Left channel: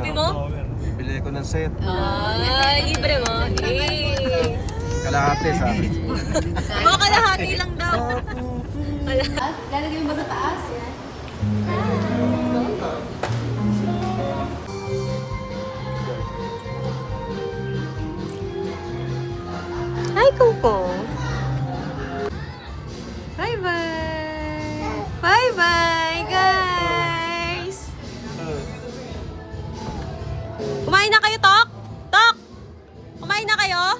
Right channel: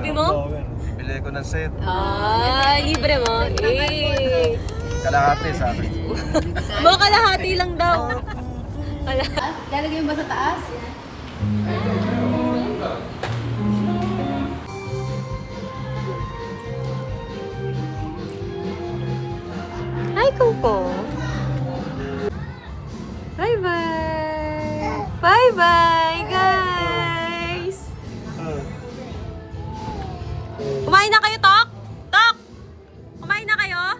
sabi mo? Bibili ko ng set. Libre mo. Kalahati sa akin. Mga kalahati lang daw. Lalagay mo ba sa taas? Hi, Coco. Bye-bye. Bye-bye, guys. Kumain na kayo, Tok? Tok! Kumain na kayo?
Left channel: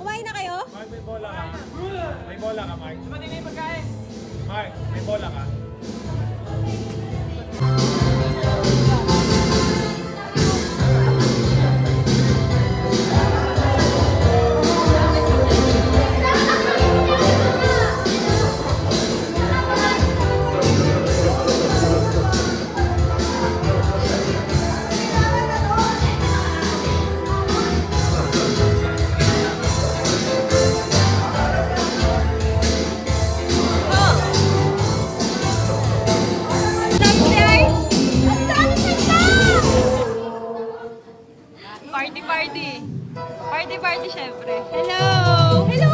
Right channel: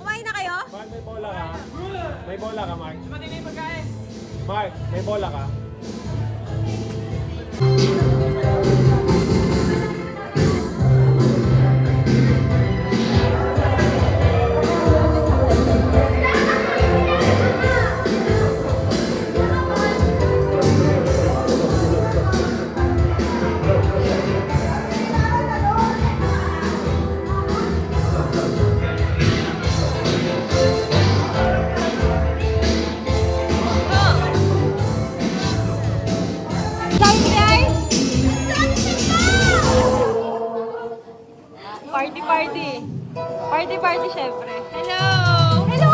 Kumain na kayo? May bola ka, Mark. Ba't hindi pagkain? Mark, may bola ka. Party, syempre. Hello! Hello!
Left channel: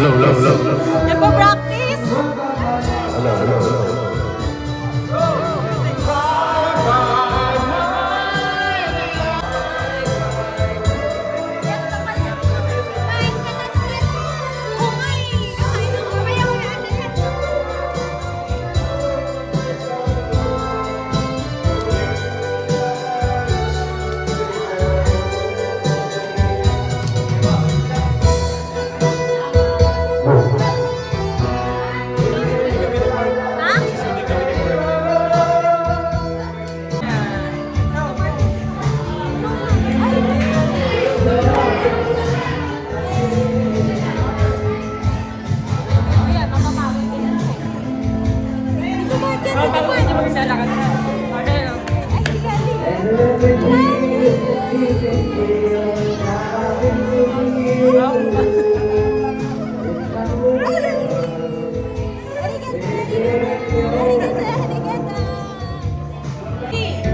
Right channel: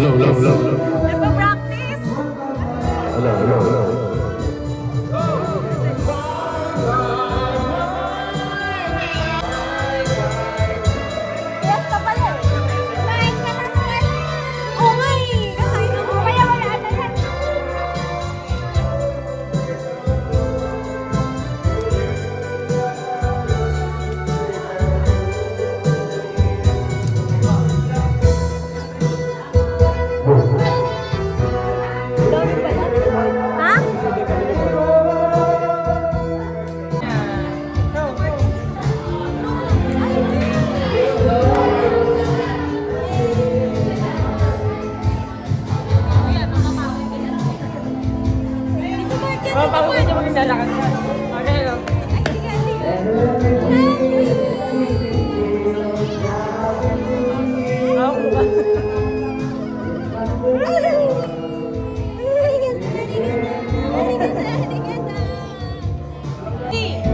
Abon. Low. Nagpa-practice? Hello. Oo nga eh. Kakain ako.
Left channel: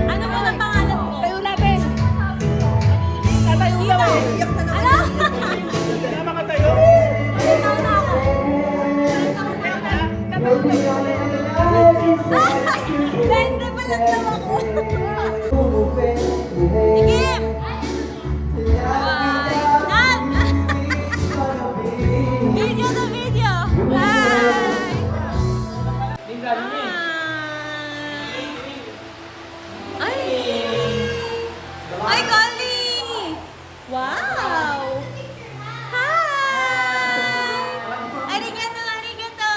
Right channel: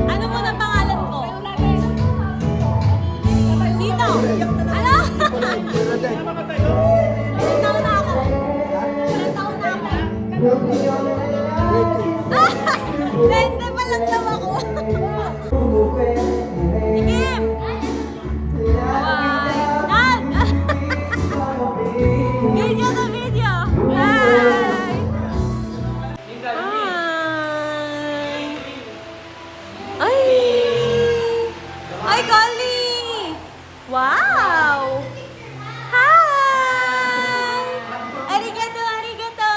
Ano mo na pangalan mo? Sino? Ano? Ilan taon na ako? Bente pa lang daw ako. Tikim! Bye! Nan! Video na video! Hi! Hi! Ay! Ay, Golly! Wow! Hi! Arigato! Arigato!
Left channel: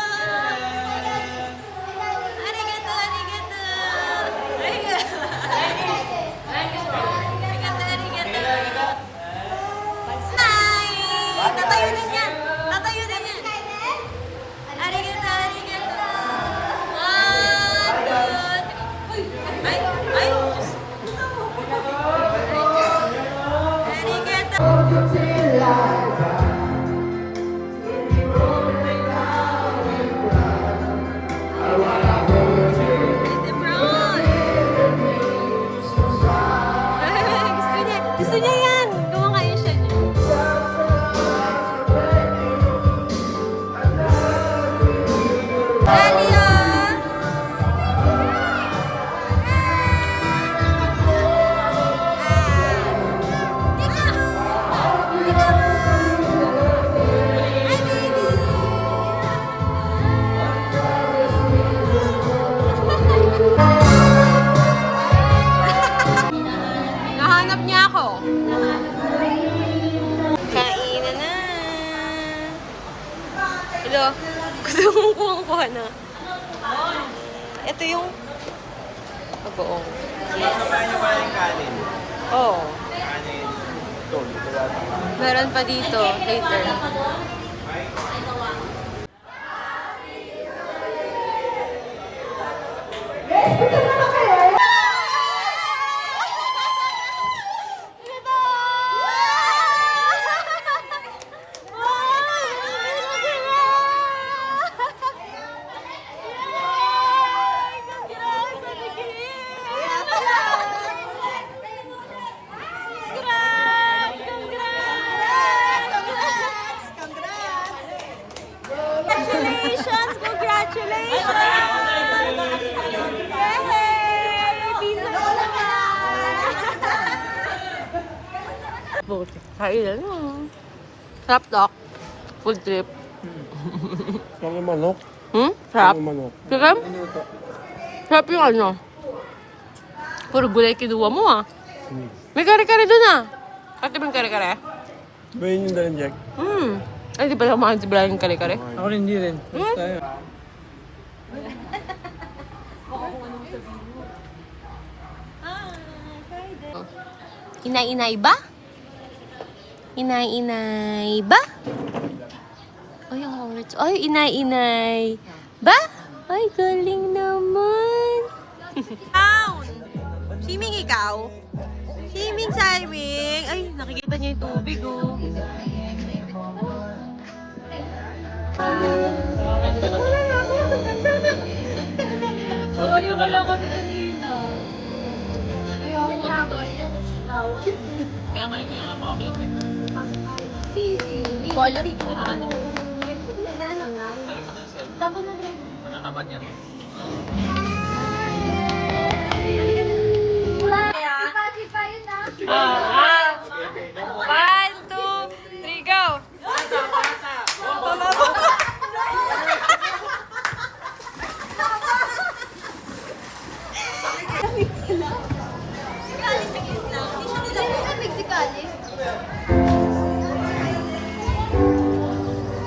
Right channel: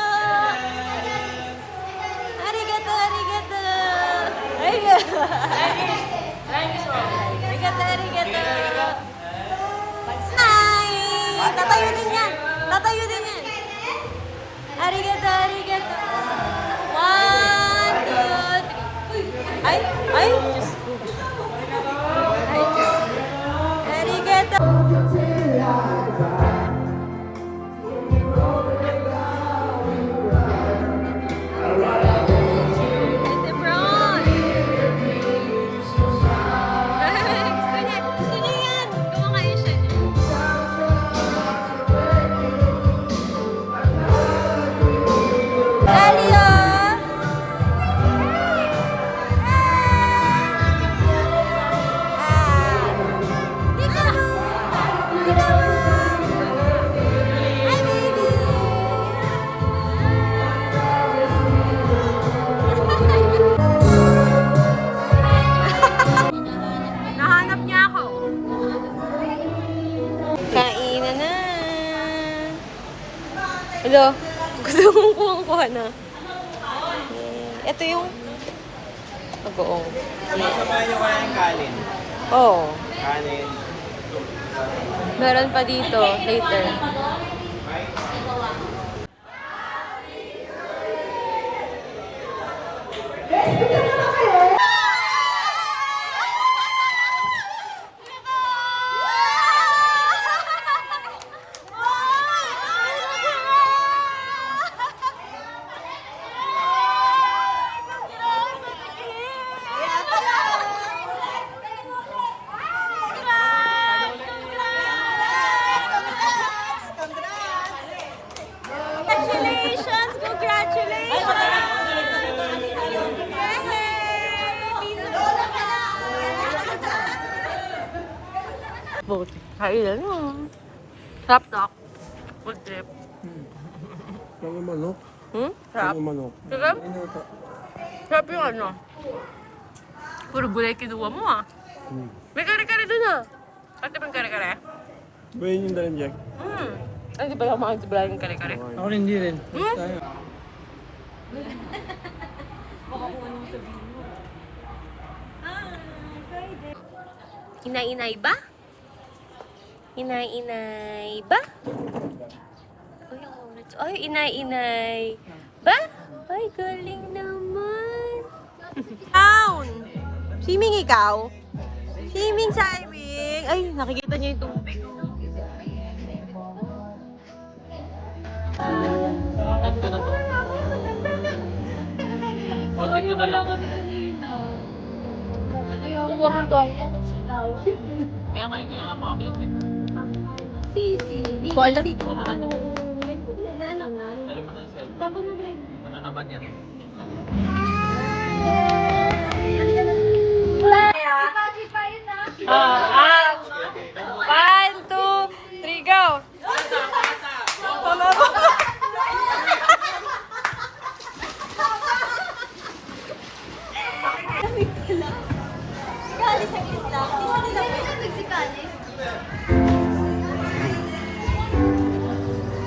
Arigato! Arigato! Arigato! Arigato! Hi! Tatayo din yan! Tatayo din yan! Arigato! Arigato! Good! Ay! Ay! Arigato! Ay, Debron! Gusto niya yan! Kumakain siya. Dalia! Nahanap niya ako. Kainan na. Hello. Gusto mong kuha na. Ito yung Buong. Yes. Sabay nyo kayang kanin. Oo. Kanin. Ito. Meron pa dito, later. Congratulations! Congratulations! Buti. Kailan mo. Sarap, Doc. Food trip. Yung manok. Sarap. Yung manok. Sarap? Sarap yung ano. Puro gulay kinuha mo ah. May kare-kare dun ah. Ate ba yung kare-kare? Ba yun yung dalang Jack? Ay, di pala kumain si Brian yung kare-kare. Ako rin hindi rin. Tayo. Inay-inay ba? Inay-inay ba? Ay, ang kulit. Ay, inay-inay ba? Ay, galing naman. Down! Swimming ikaw? Swimming, Cyrwing. Ay, nakikita niya yung tubig, oh. Wala kami kanina. Kaya huwag tayo. Hindi ko alam dito. Tapos na rin. Manakaban yan. One, two, three, go!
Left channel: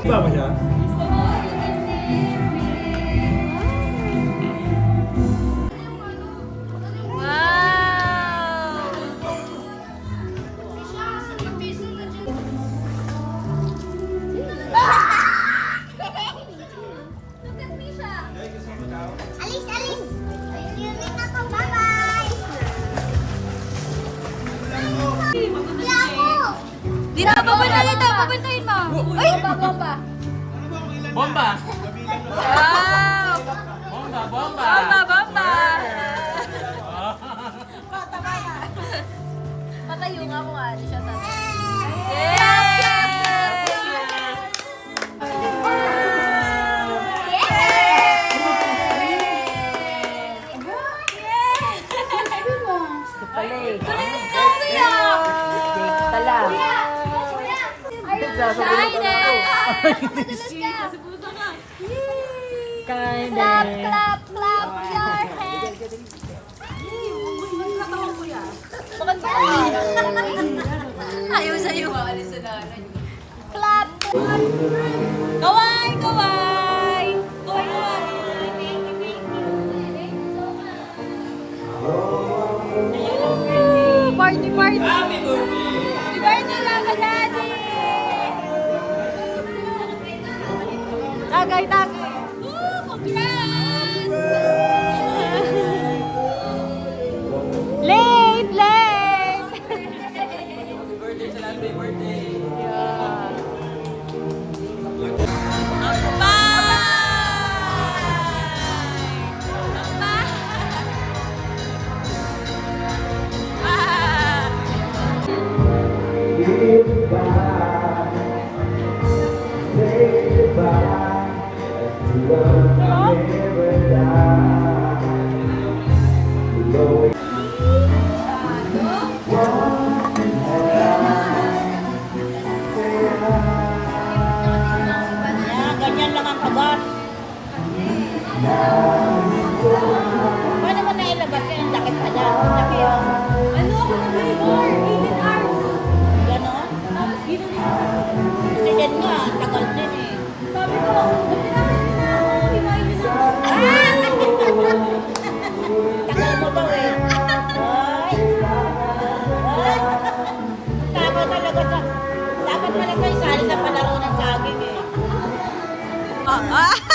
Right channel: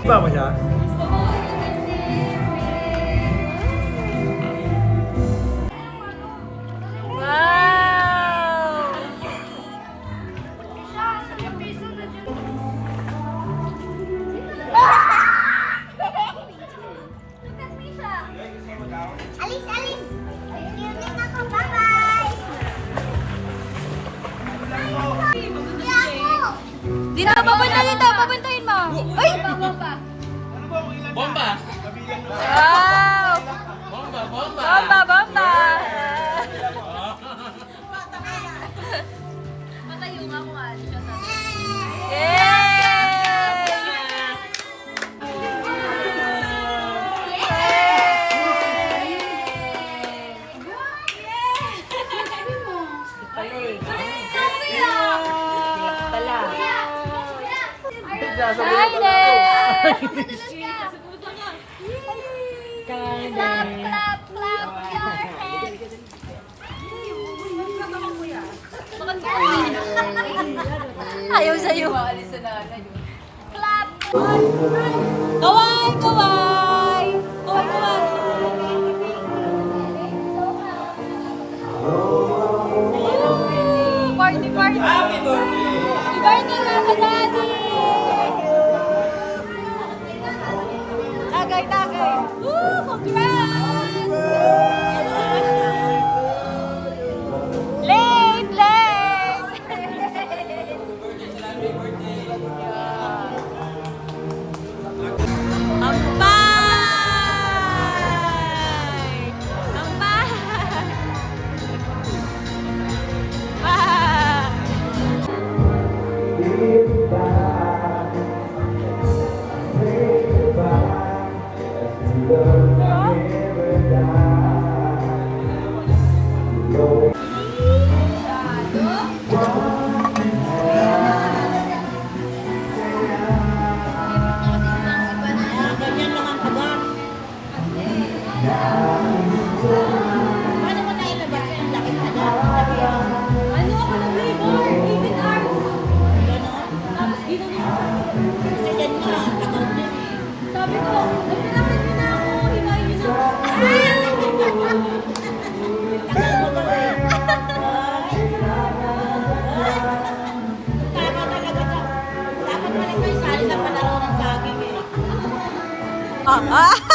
Iba mo siya? Wow! Alis, alis! Ayun ako, bye-bye! Di na, papuntahin ito. Papuntahin mo. Ay! Bomba! Wow! Bomba! Bomba! Bomba, bomba! Patayo nga ako. Yay! Ayaw sa'yo. Kaway! Kaway! Party, party! Happy birthday! Happy birthday, Lola Daddy! Tagay, tagay! Woo! Congrats! Late, late! Happy birthday! Ah!